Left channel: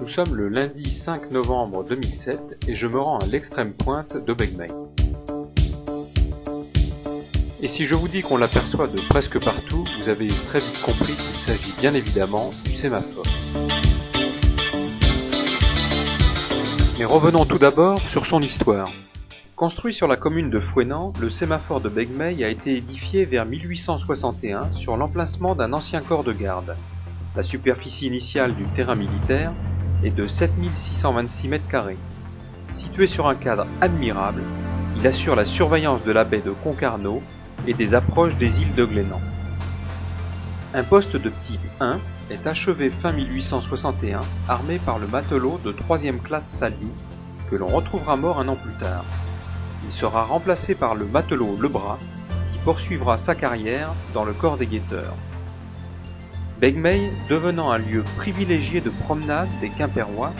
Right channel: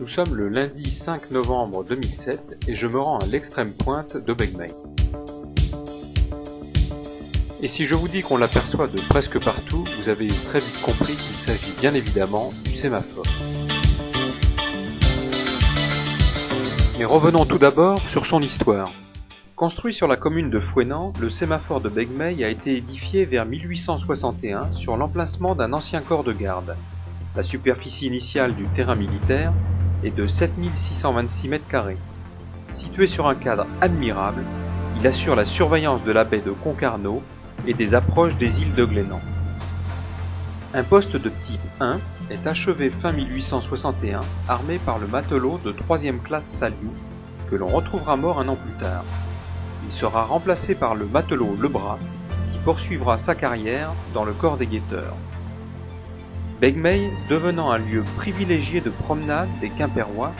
Nous sommes le lundi 5 novembre 2007 et je me rends à l'extrême pointe de Begmey. Et si je vous dis qu'on l'aperçoit de presque partout, vous avez très vite compris qu'il s'agit bien évidemment du sémaphore. Mais revenons tout d'abord sur son histoire. Construit sur la commune de Fouesnant, le sémaphore de Begmey a été édifié vers 1861 sur l'emplacement d'un ancien corps de garde. La superficie initiale du terrain militaire est de 7626 m². Situé sur un cadre admirable, il assure la surveillance de la baie de Concarneau et des approches des îles de Glénan. Un poste de type 1 est achevé fin 1861, armé par le matelot de 3e classe Saliou, que l'on retrouvera mort un an plus tard. Il sera remplacé par le matelot Lebras, qui poursuivra sa carrière dans le corps des guetteurs. Begmey devenant un lieu privilégié de promenade des Quimpérois,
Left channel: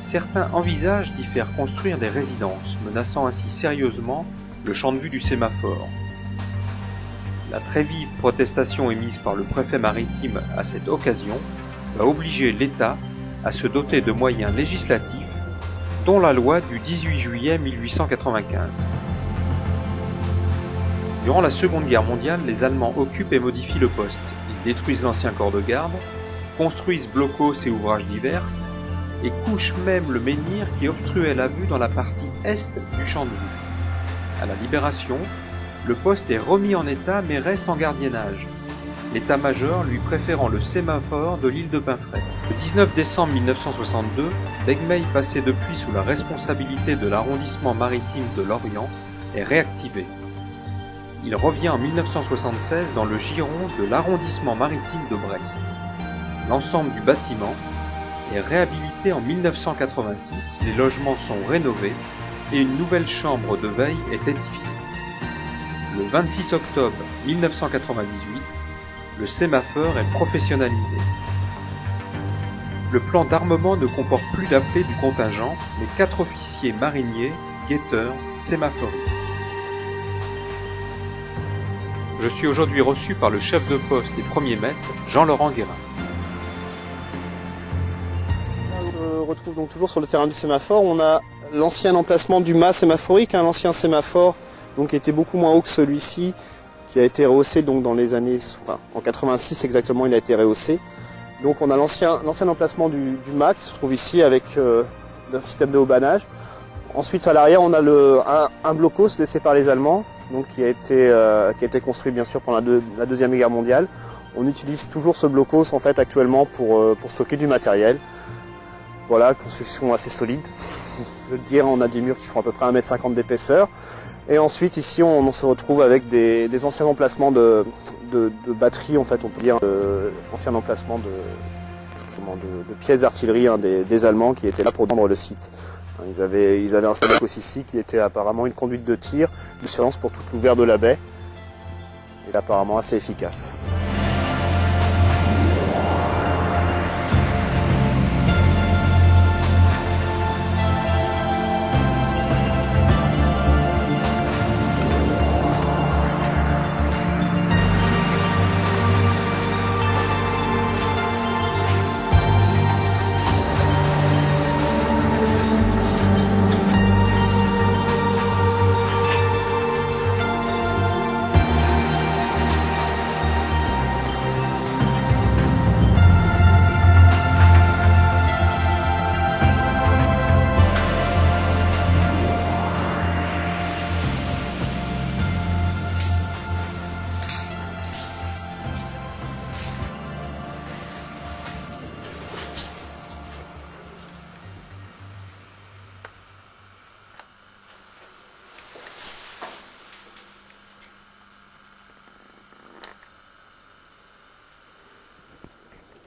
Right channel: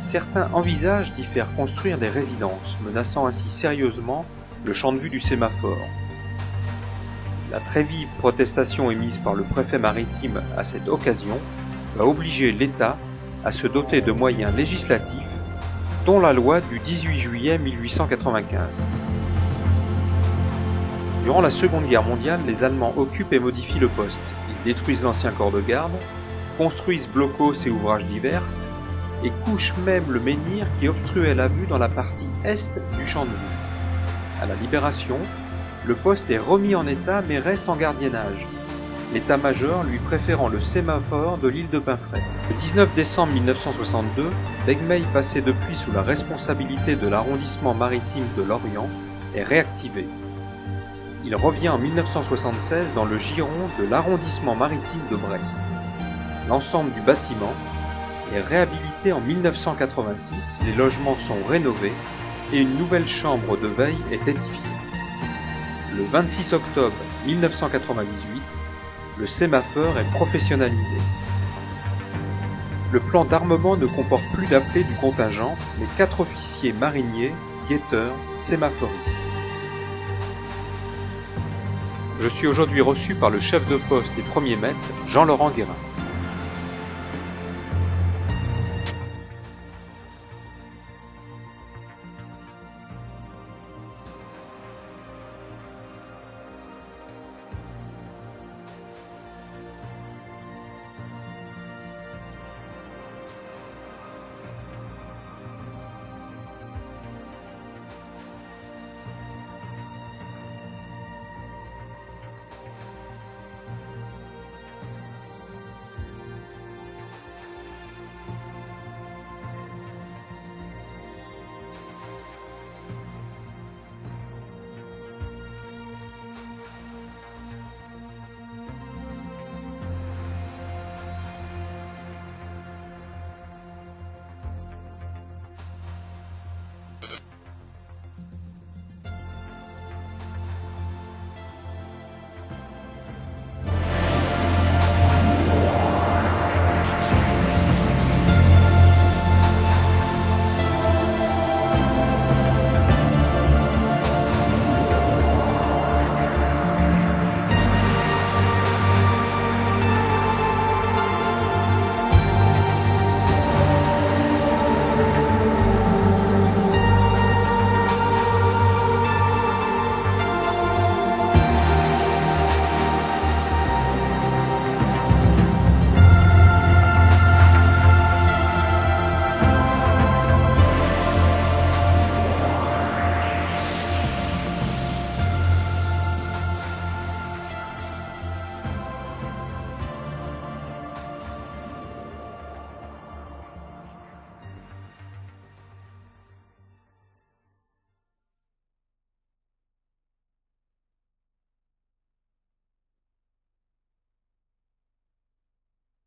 certains envisagent d'y faire construire des résidences, menaçant ainsi sérieusement le champ de vue du sémaphore. La très vive protestation émise par le préfet maritime à cette occasion va obliger l'État à se doter de moyens législatifs, dont la loi du 18 juillet 1895. Durant la Seconde Guerre mondiale, les Allemands occupent et modifient le poste. Ils détruisent l'ancien corps de garde, construisent blocos et ouvrages divers, et couchent même le menhir qui obstruait la vue dans la partie est du champ de vue. À la Libération, le poste est remis en état mais reste en gardiennage, l'état-major lui préférant le sémaphore de l'île de Pinfret. Le 19 décembre 1962, Begmey, passé depuis sous la responsabilité de l'arrondissement maritime de Lorient, est réactivé. Il revient en 1976 dans le giron de l'arrondissement maritime de Brest. L'ensemble du bâtiment est réhabilité en 1986, les logements sont rénovés et une nouvelle chambre de veille est édifiée. Le 26 octobre 1998, le sémaphore est professionnalisé. Le plan d'armement ne comporte plus d'appelés du contingent, mais 4 officiers mariniers, guetteurs, sémaphoristes. Je suis aujourd'hui reçu par le chef de poste et premier maître, Jean-Laurent Guérin. On retrouve donc toujours sur le terrain du sémaphore. On a l'ancien emplacement du mât sémaphorique, l'ancien sémaphore donc, qui était beaucoup moins haut que celui-ci, qui a été rehaussé donc, dans les années, en 86 exactement, il a été rehaussé. Donc on a l'ancien emplacement du mât qui se trouve ici avec un système de haubanage. Ensuite à l'arrière on a un blocos laissé par les Allemands, donc, qui a été construit bien sûr pendant la Deuxième Guerre mondiale. On utilise toujours ce blocos en fait actuellement pour stocker du matériel. Voilà, construction assez solide. Je veux dire, on a des murs qui font à peu près 1,50 m d'épaisseur. Et ensuite ici on se retrouve avec des anciens emplacements de batteries, en fait on peut dire ancien emplacement de pièces d'artillerie des Allemands qui étaient là pour défendre le site. Ils avaient installé un blocos ici qui était apparemment une conduite de tir, de surveillance pour tout l'ouvert de la baie. Et apparemment assez efficace.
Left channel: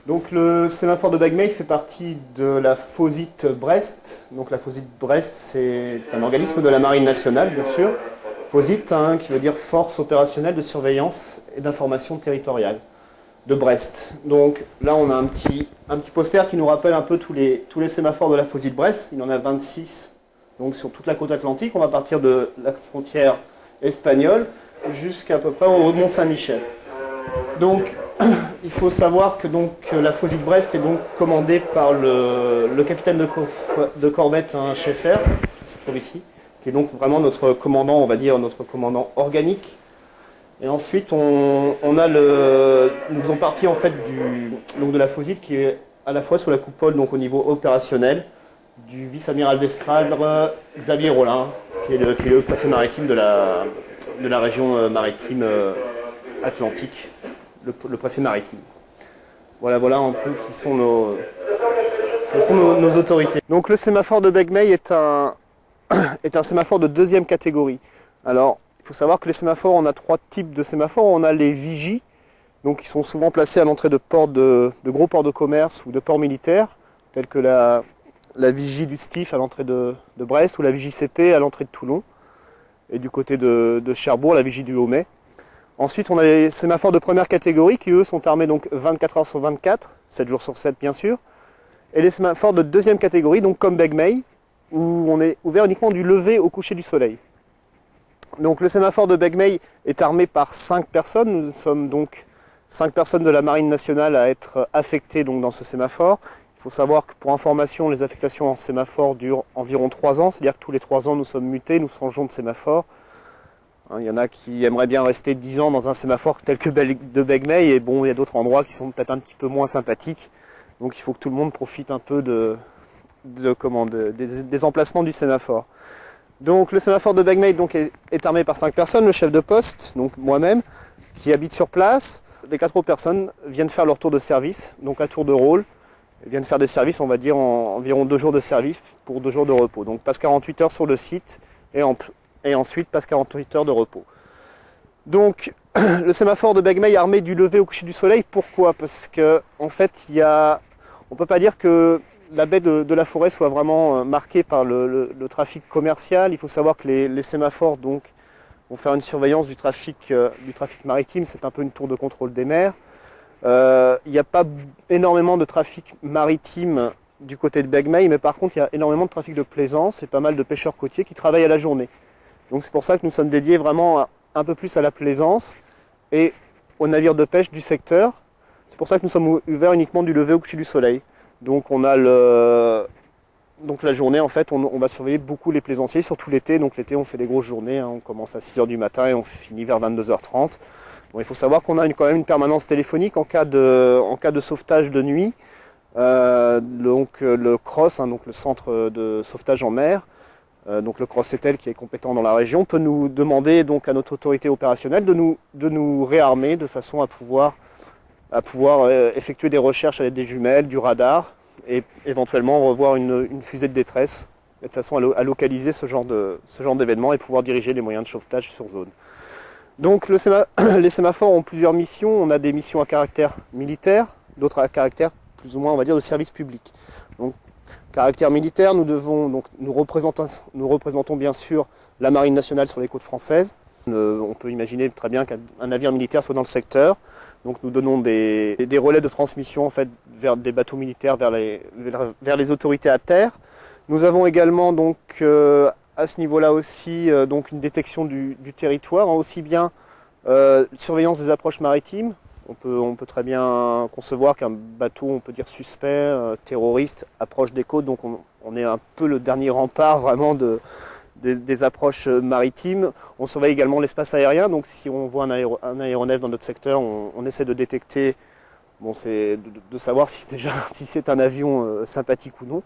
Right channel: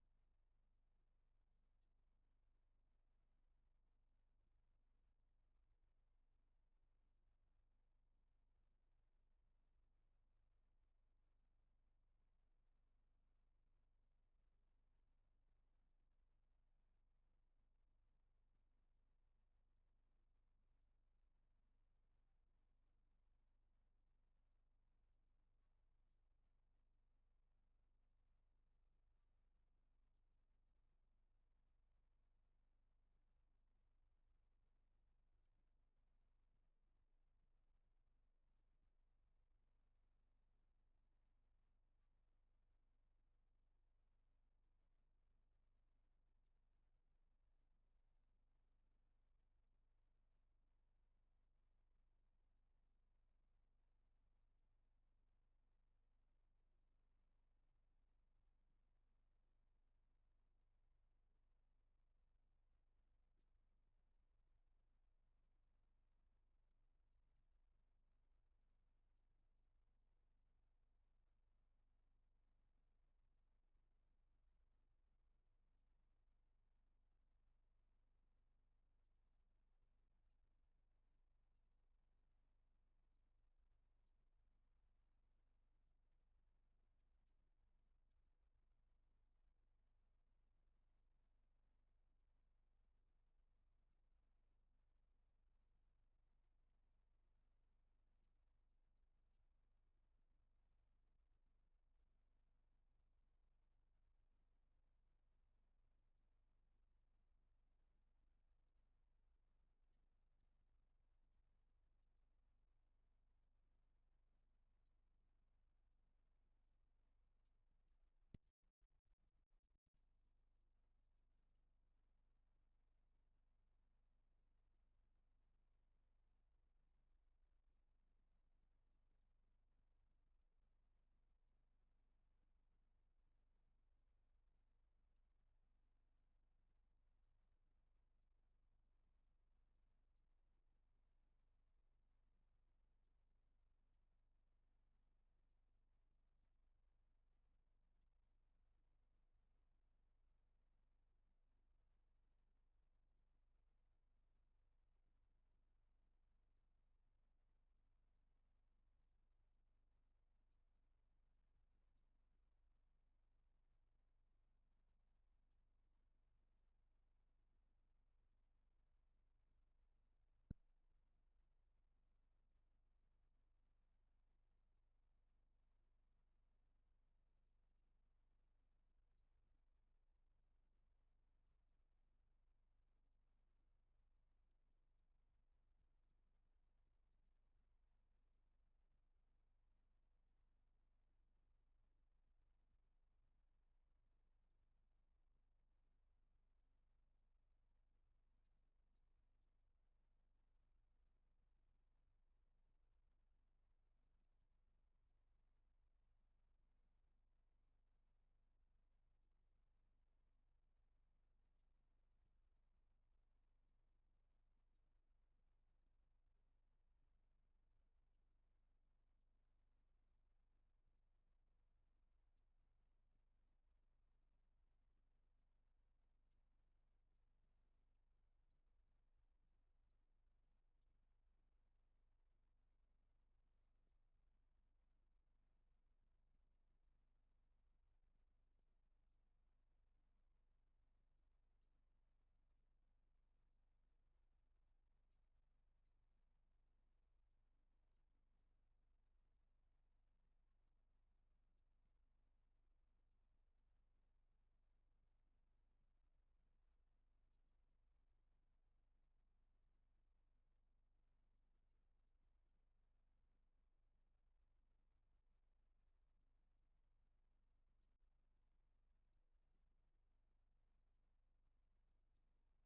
Donc le sémaphore de Begmey fait partie de la FOSIT Brest. Donc la FOSIT Brest, c'est un organisme de la Marine nationale, bien sûr. FOSIT, qui veut dire Force opérationnelle de surveillance et d'information territoriale de Brest. Donc là, on a un petit poster qui nous rappelle un peu tous les sémaphores de la FOSIT Brest. Il y en a 26 donc, sur toute la côte atlantique. On va partir de la frontière espagnole jusqu'à peu près au haut de Mont-Saint-Michel. Donc il faut savoir que donc la Faucille de Brest est donc commandée par le capitaine de corvette, hein, Schaeffer, qui se trouve ici, qui est donc vraiment notre commandant, on va dire notre commandant organique. Et ensuite, nous faisons partie en fait donc de la Faucille qui est à la fois sous la coupole donc au niveau opérationnel du vice-amiral d'escadre Xavier Rollin, qui est le préfet maritime de la région maritime atlantique, le préfet maritime. Voilà un peu qui sont nos autorités. Donc le sémaphore de Begmey est un sémaphore de deuxième catégorie. Alors, il faut savoir que les sémaphores, on a trois types de sémaphores. On a les vigies, donc qui sont souvent placés à l'entrée de gros ports de commerce ou de ports militaires, tels que la vigie du STIF à l'entrée de Brest ou la vigie CP à l'entrée de Toulon. Et du côté de Cherbourg, la vigie du Haut-Mai. Ensuite, on a les sémaphores de première catégorie qui, eux, sont armés donc 24 heures sur 24, 7 jours sur 7 bien sûr. Et les sémaphores de deuxième catégorie, donc comme Begmey, où on est ouvert uniquement du lever au coucher du soleil. Donc le sémaphore de Begmey est armé par 5 personnes. Nous sommes donc 5 personnes de la Marine nationale à être affectées donc, dans ce sémaphore. Il faut savoir que pour information, les affectations en sémaphore durent environ 3 ans, c'est-à-dire que tous les 3 ans nous sommes mutés, nous changeons de sémaphore. Il y en a qui aimeraient bien rester 10 ans dans un sémaphore tel que de Begmey, et bon, il y a d'autres endroits qui sont peut-être un petit peu moins sympathiques. Donc il faut que tout le monde profite un peu des emplacements du sémaphore. Donc le sémaphore de Begmey donc, est armé par 5 personnes, le chef de poste, donc moi-même, qui habite sur place. Les 4 autres personnes viennent faire leur tour de service, donc à tour de rôle. Ils viennent faire des services, on va dire, en environ 2 jours de service pour 2 jours de repos. Donc passe 48 heures sur le site et ensuite passe 48 heures de repos. Donc le sémaphore de Begmey est armé du lever au coucher du soleil. Pourquoi? Parce qu'en fait, on ne peut pas dire que la baie de la Forêt soit vraiment marquée par le trafic commercial. Il faut savoir que les sémaphores donc, vont faire une surveillance du trafic maritime. C'est un peu une tour de contrôle des mers. Il n'y a pas énormément de trafic maritime du côté de Begmey, mais par contre il y a énormément de trafic de plaisance et pas mal de pêcheurs côtiers qui travaillent à la journée. Donc c'est pour ça que nous sommes dédiés vraiment un peu plus à la plaisance et aux navires de pêche du secteur. C'est pour ça que nous sommes ouverts uniquement du lever au coucher du soleil. Donc on a donc la journée, en fait, on va surveiller beaucoup les plaisanciers, surtout l'été. Donc l'été, on fait des grosses journées, hein. On commence à 6 h du matin et on finit vers 22 h 30. Bon, il faut savoir qu'on a quand même une permanence téléphonique en cas de sauvetage de nuit. Donc le CROSS, hein, donc le centre de sauvetage en mer, donc le CROSS-ETEL qui est compétent dans la région, peut nous demander donc à notre autorité opérationnelle de nous réarmer de façon à pouvoir effectuer des recherches avec des jumelles, du radar et éventuellement revoir une fusée de détresse de façon à localiser ce genre d'événement et pouvoir diriger les moyens de sauvetage sur zone. Donc les sémaphores ont plusieurs missions. On a des missions à caractère militaire, d'autres à caractère plus ou moins on va dire de service public. Donc caractère militaire, nous représentons bien sûr la Marine nationale sur les côtes françaises. On peut imaginer très bien qu'un navire militaire soit dans le secteur. Donc nous donnons des relais de transmission en fait, vers des bateaux militaires, vers les autorités à terre. Nous avons également donc, à ce niveau-là aussi donc une détection du territoire, hein, aussi bien surveillance des approches maritimes. On peut très bien concevoir qu'un bateau, on peut dire suspect, terroriste, approche des côtes. Donc on est un peu le dernier rempart vraiment des approches maritimes. On surveille également l'espace aérien, donc si on voit un aéronef dans notre secteur, on essaie de détecter, c'est de savoir si c'est un avion sympathique ou non.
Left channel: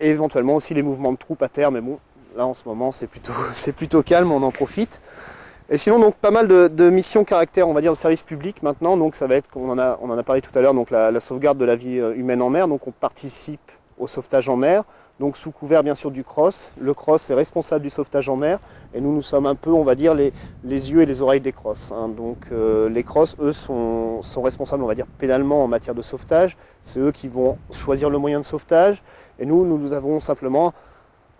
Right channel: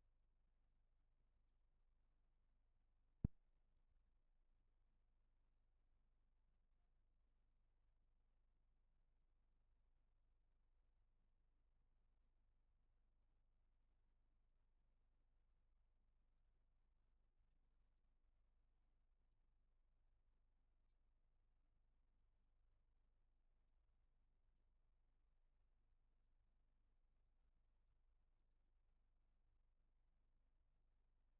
Et éventuellement aussi les mouvements de troupes à terre, mais bon, là en ce moment c'est plutôt calme, on en profite. Et sinon donc pas mal de missions caractère, on va dire, de service public maintenant, donc ça va être, on en a parlé tout à l'heure, donc la sauvegarde de la vie humaine en mer, donc on participe au sauvetage en mer. Donc sous couvert bien sûr du CROSS. Le CROSS est responsable du sauvetage en mer et nous sommes un peu, on va dire, les yeux et les oreilles des CROSS, hein. Donc les CROSS, eux, sont responsables, on va dire, pénalement en matière de sauvetage. C'est eux qui vont choisir le moyen de sauvetage et nous avons simplement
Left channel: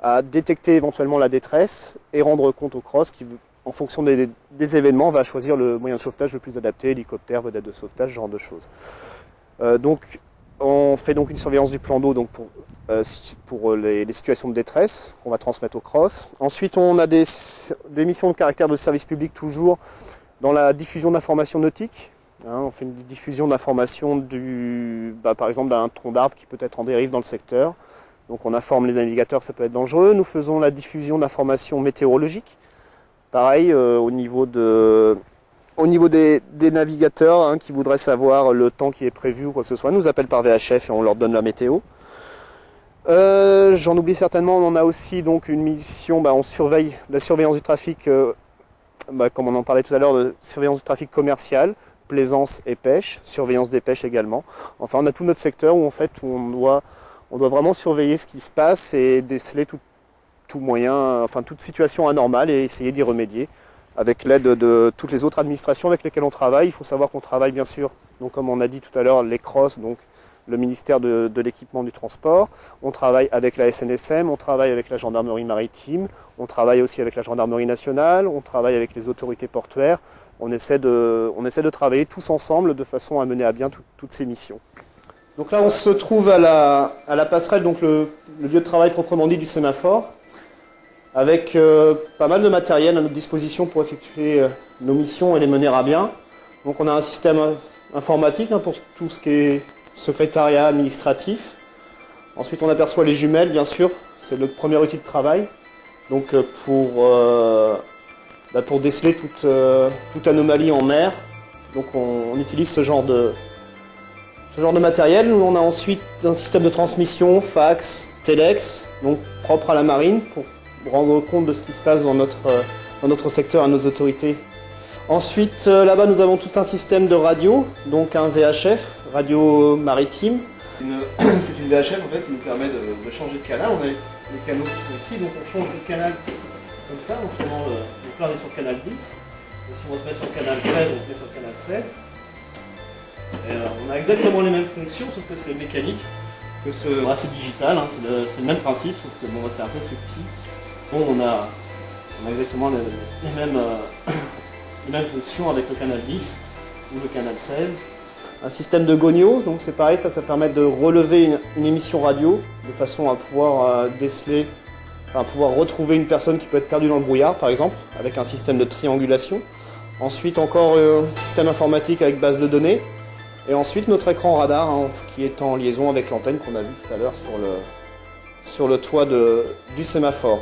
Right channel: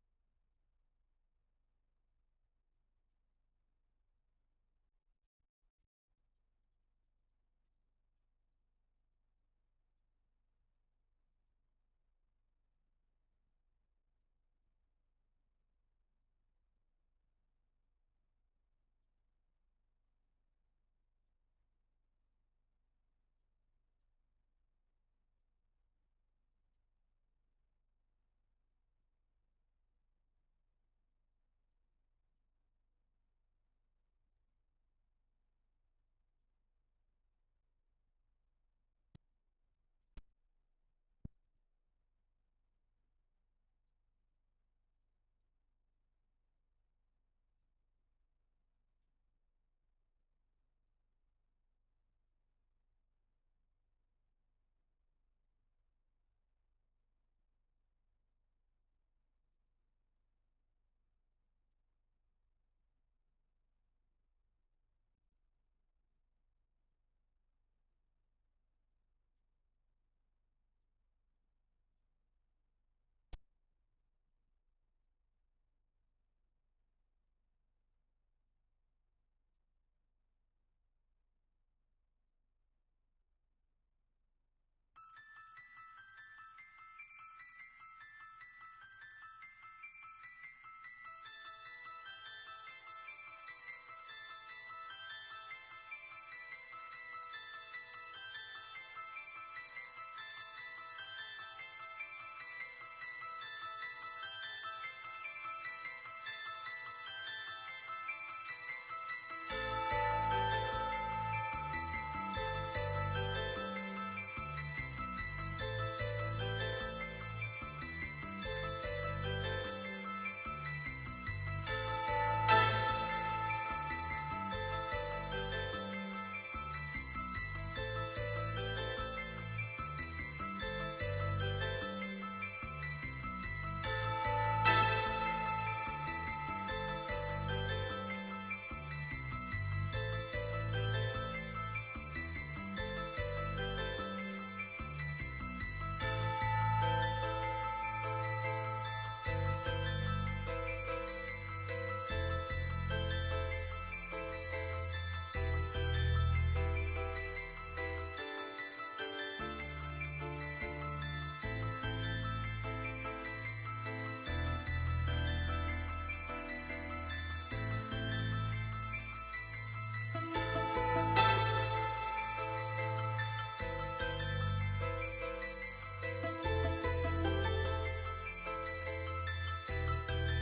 à détecter éventuellement la détresse et rendre compte au CROSS qui, en fonction des événements, va choisir le moyen de sauvetage le plus adapté, hélicoptère, vedette de sauvetage, ce genre de choses. Donc on fait donc une surveillance du plan d'eau pour les situations de détresse qu'on va transmettre au CROSS. Ensuite, on a des missions de caractère de service public toujours dans la diffusion d'informations nautiques. On fait une diffusion d'informations par exemple d'un tronc d'arbre qui peut être en dérive dans le secteur. Donc on informe les navigateurs que ça peut être dangereux. Nous faisons la diffusion d'informations météorologiques. Pareil, au niveau des navigateurs qui voudraient savoir le temps qui est prévu ou quoi que ce soit, nous appellent par VHF et on leur donne la météo. J'en oublie certainement, on a aussi donc une mission, on surveille la surveillance du trafic, comme on en parlait tout à l'heure, de surveillance du trafic commercial, plaisance et pêche, surveillance des pêches également. Enfin, on a tout notre secteur où on doit vraiment surveiller ce qui se passe et déceler tout moyen, toute situation anormale et essayer d'y remédier avec l'aide de toutes les autres administrations avec lesquelles on travaille. Il faut savoir qu'on travaille bien sûr, donc comme on a dit tout à l'heure, les CROSS, donc le ministère de l'équipement du transport. On travaille avec la SNSM, on travaille avec la gendarmerie maritime, on travaille aussi avec la gendarmerie nationale, on travaille avec les autorités portuaires. On essaie de travailler tous ensemble de façon à mener à bien toutes ces missions. Donc là, on se trouve à la passerelle, donc le lieu de travail proprement dit du sémaphore, avec pas mal de matériel à notre disposition pour effectuer nos missions et les mener à bien. Donc on a un système informatique pour tout ce qui est secrétariat administratif. Ensuite, on aperçoit les jumelles, bien sûr, c'est le premier outil de travail. Donc pour déceler toute anomalie en mer, donc on utilise ce genre de matériel. Nous, on a ensuite un système de transmission, fax, telex, donc propre à la marine, pour rendre compte de ce qui se passe dans notre secteur à nos autorités. Ensuite, là-bas, nous avons tout un système de radio, donc un VHF, radio maritime. C'est une VHF en fait qui nous permet de changer de canal. On a les canaux ici, donc on change de canal comme ça, donc là on est sur le canal 10. Et si on se met sur le canal 16, on se met sur le canal 16. Et on a exactement les mêmes fonctions, sauf que c'est mécanique, c'est digital, c'est le même principe, sauf que c'est un peu plus petit. Bon, on a exactement les mêmes fonctions avec le canal 10 ou le canal 16. Un système de gonio, donc c'est pareil, ça permet de relever une émission radio de façon à pouvoir pouvoir retrouver une personne qui peut être perdue dans le brouillard, par exemple, avec un système de triangulation. Ensuite, encore un système informatique avec base de données. Et ensuite, notre écran radar qui est en liaison avec l'antenne qu'on a vu tout à l'heure sur le toit du sémaphore.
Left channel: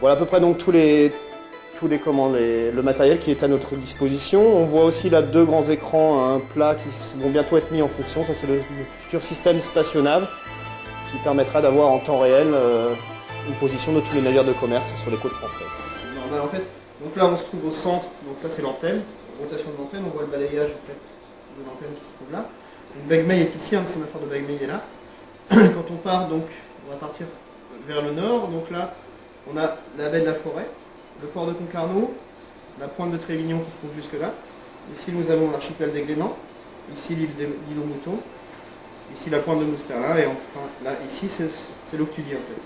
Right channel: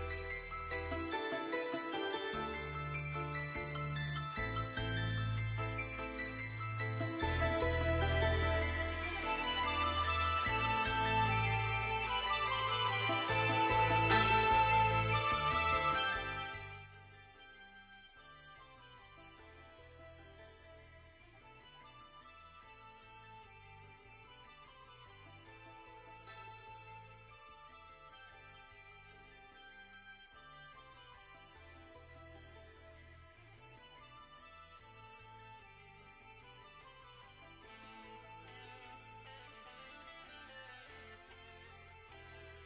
Voilà à peu près donc le matériel qui est à notre disposition. On voit aussi là deux grands écrans plats qui vont bientôt être mis en fonction. Ça, c'est le futur système stationnav qui permettra d'avoir en temps réel une position de tous les navires de commerce sur les côtes françaises. Donc là, on se trouve au centre. Donc ça, c'est l'antenne, rotation de l'antenne. On voit le balayage en fait de l'antenne qui se trouve là. Le Begmey est ici, le sémaphore de Begmey est là. Quand on part, donc, on va partir vers le nord. Donc là, on a la baie de la Forêt, le port de Concarneau, la pointe de Trévignon qui se trouve jusque là. Ici, nous avons l'archipel des Glénans, ici l'île aux Moutons, ici la pointe de Mousterlin, et enfin, là, ici, c'est l'Octulier en fait.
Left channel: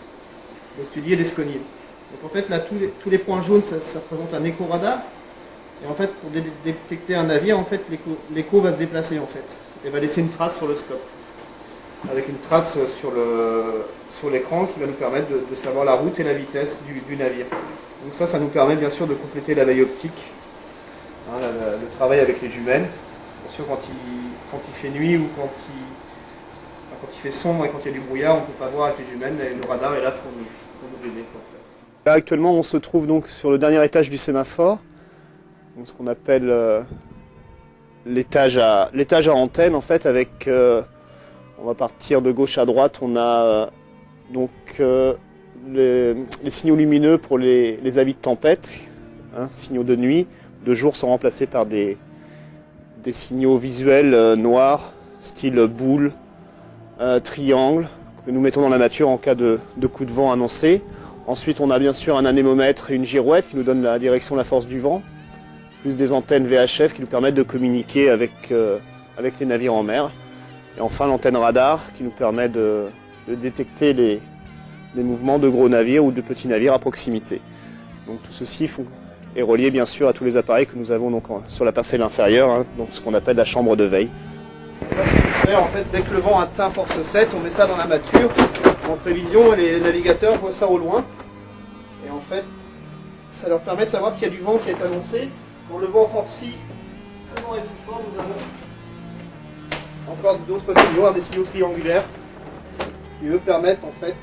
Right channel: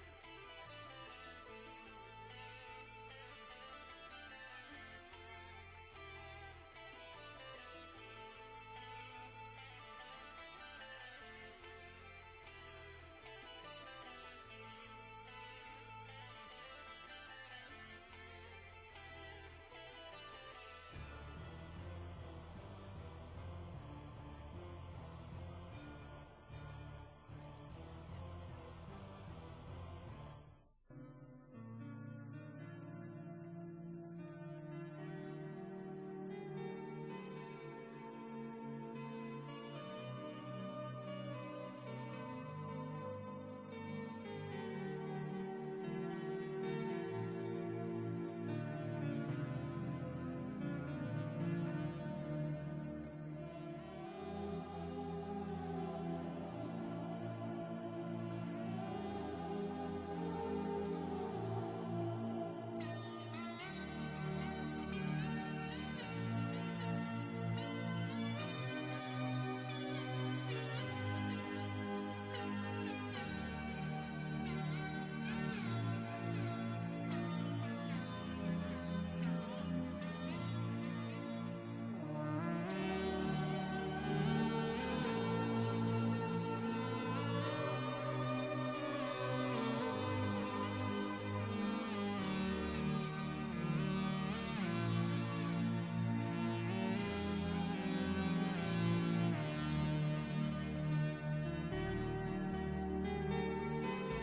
L'Octulier et l'Esconier. Donc en fait, là, tous les points jaunes, ça représente un écho-radar. Et en fait, pour détecter un navire, en fait, l'écho va se déplacer en fait, et va laisser une trace sur le scope, avec une trace sur l'écran qui va nous permettre de savoir la route et la vitesse du navire. Donc ça nous permet bien sûr de compléter la veille optique, le travail avec les jumelles. Bien sûr, quand il fait nuit ou quand il fait sombre et quand il y a du brouillard, on ne peut pas voir avec les jumelles, mais le radar est là pour nous aider. Là, actuellement, on se trouve donc sur le dernier étage du sémaphore, donc ce qu'on appelle l'étage à antenne en fait, avec on va partir de gauche à droite, on a les signaux lumineux pour les avis de tempête, signaux de nuit. De jour sont remplacés par des signaux visuels noirs, style boule, triangle, que nous mettons dans la nature en cas de coup de vent annoncé. Ensuite, on a bien sûr un anémomètre et une girouette qui nous donnent la direction de la force du vent, plus des antennes VHF qui nous permettent de communiquer avec les navires en mer. Et enfin, l'antenne radar qui nous permet de détecter les mouvements de gros navires ou de petits navires à proximité. Donc tout ceci est relié bien sûr à tous les appareils que nous avons donc sur la parcelle inférieure, donc ce qu'on appelle la chambre de veille. En fait, dès que le vent atteint force 7, on met ça dans la mâture en prévision et les navigateurs voient ça au loin. Et en fait, ça leur permet de savoir qu'il y a du vent qui est annoncé. Quand le vent forcit également et toutefois, nous avons encore d'autres signaux, des signaux triangulaires qui eux permettent en fait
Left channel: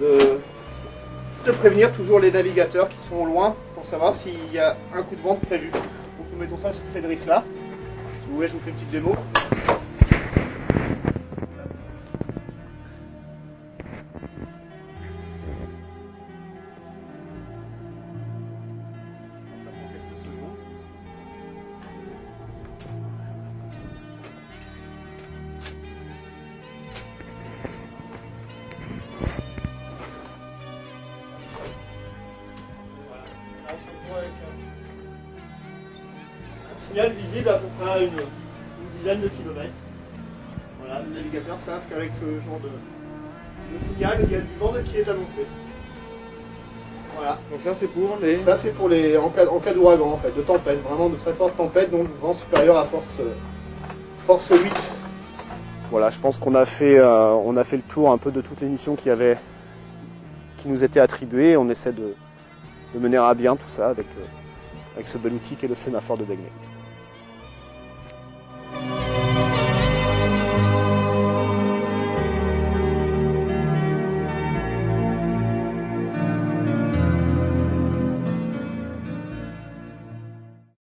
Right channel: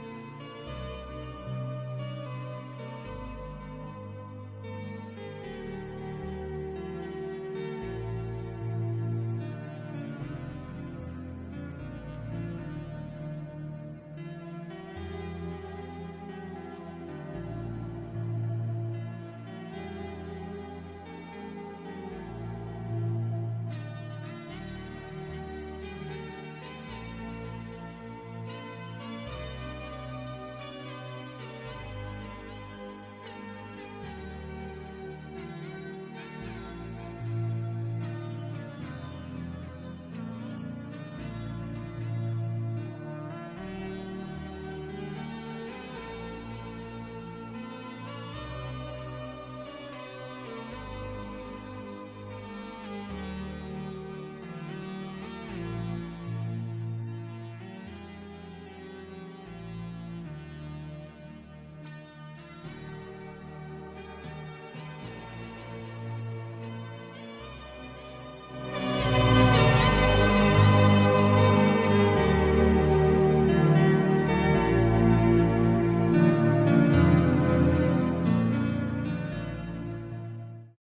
de prévenir toujours les navigateurs qui sont loin pour savoir s'il y a un coup de vent prévu. Donc nous mettons ça sur cette drisse là. Si vous voulez, je vous fais une petite démo. Signal visible à peu près à une dizaine de kilomètres. Voilà, les navigateurs savent qu'avec ce genre de signal, il y a du vent qui est annoncé. Voilà. Donc ça c'est pour les... Ça c'est pour les en cas d'ouragan en fait, de tempête, vraiment de très forte tempête, donc vent supérieur à force 8. Voilà, je pense qu'on a fait le tour un peu de toutes les missions qui nous étaient attribuées. On essaie de mener à bien tout ça avec ce bel outil qu'est le sémaphore de Begbey.